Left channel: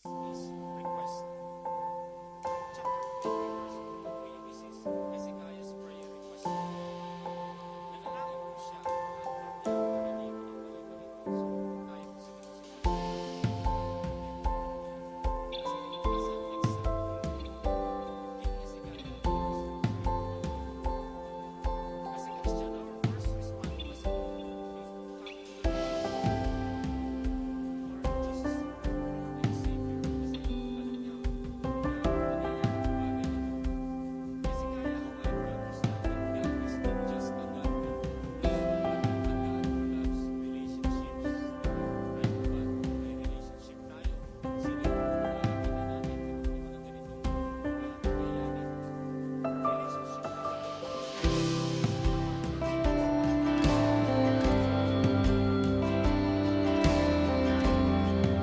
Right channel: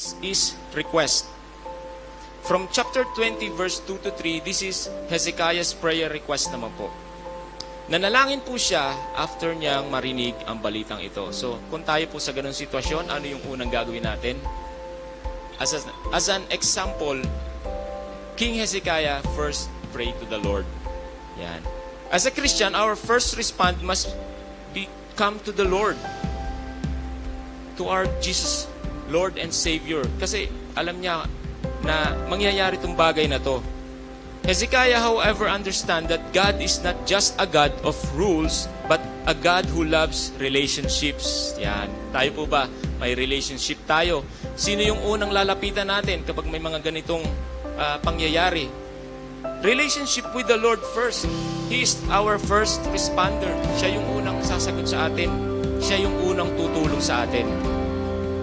next is request. From chapter 20 verse 2 to 3, this is Hezekiah's prayer request naman po. Nanalangin po siya after niyang marinig ang balitang ito. So, kung tayo po sa ganung sitwasyon, ano yung unang gagawin natin? As an example, King Hezekiah first prayed to the Lord. Yan. As a Christian, our first response must be come to the Lord, to our Jesus, Lord and Savior. Kasi alam niya na mangyayari itong bagay na to. Hezekiah, however, understand that God is not just a God of rules, but a God who loves relationships. Yan. Tayo po ba? May relationship tayo. Sino yung unang lalapitan natin kapag may mga ganitong pangyayari? Relationship with the Lord first. He is our first responder. Siya yung unang sasagot sa atin. Siya yung unang tutulong sa atin.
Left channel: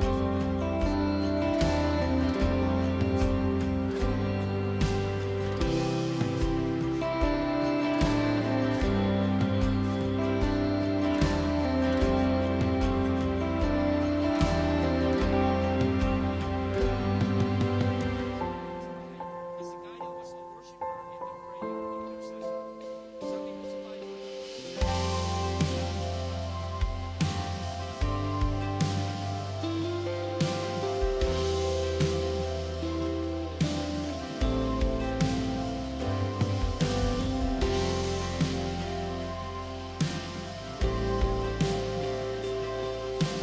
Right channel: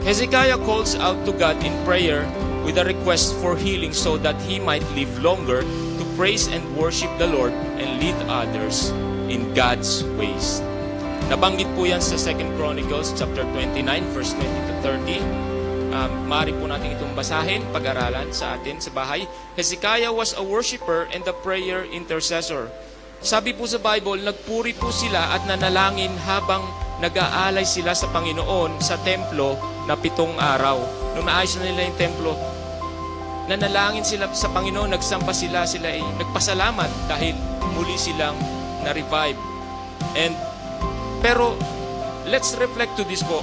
Hezekiah calls out to God in prayer with a request for healing so that he might live longer to praise and worship the Lord and lead others in God's ways. Nabanggit po yan sa 2 Chronicles chapter 29 verse 20 to 30. Maaari po natin itong basahin, pag-aralan sa atin sa bahay. Hezekiah was a worshiper and a prayer intercessor. Sabi po sa Bible, nagpuri po sila at nanalangin habang nag-aalay sila sa Panginoon sa templo na 7 araw. Nung naayos na nila yung templo, nanalangin sila sa Panginoon, nagsampa sila ay nagpasalamat dahil muli silang na-revive. Pero, let's reflect to this po.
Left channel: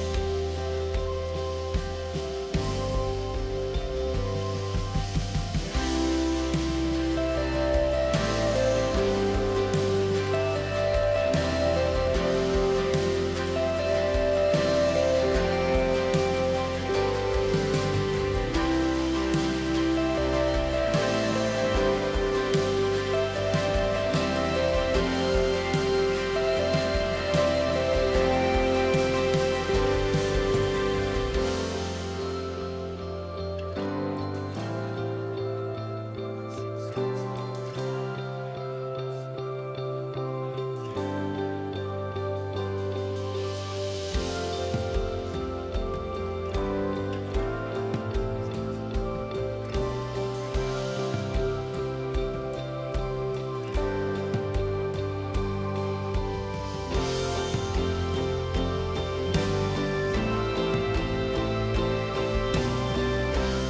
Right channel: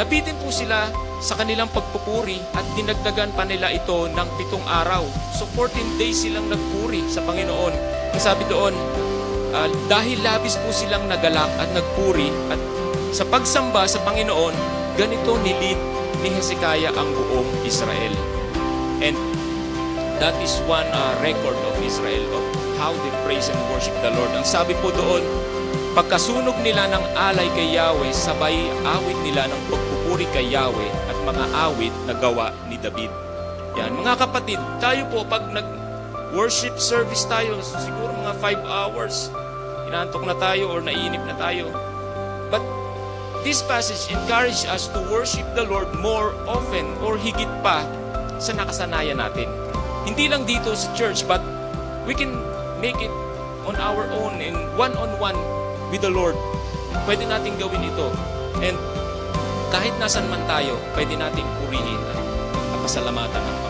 Nabitin po sila sa kanilang pagpupuri at dinagdagan pa nila ito ng 7 araw. So 14 days silang nagpuri sa Panginoon. Sabi doon, dahil labis po silang nagalang at nagpuri at sa pagsamba sa Panginoon, ganito nilid ni Hezekiah ang buong Israel. And that is one record of Israel of how they praise and worship the Lord. Ang sabi po doon, pagkasunog nila ng alay kay Yahweh, sabay awit nila ng pagpupuri kay Yahweh at mga awit na gawa ni David. Yan, mga kapatid, tayo po pag nag-worship service tayo, siguro mga 5 hours, inaantok na tayo or naiinip na tayo. But this passage encourages us to worship the Lord more often or higit pa sa nakasanayan natin. Hindi lang dito sa church, but we can make it on our own and one-on-one with the Lord. Pwede natin gawin ito. And kahit nasan man tayo, pwede natin purihin at pasalamatan ang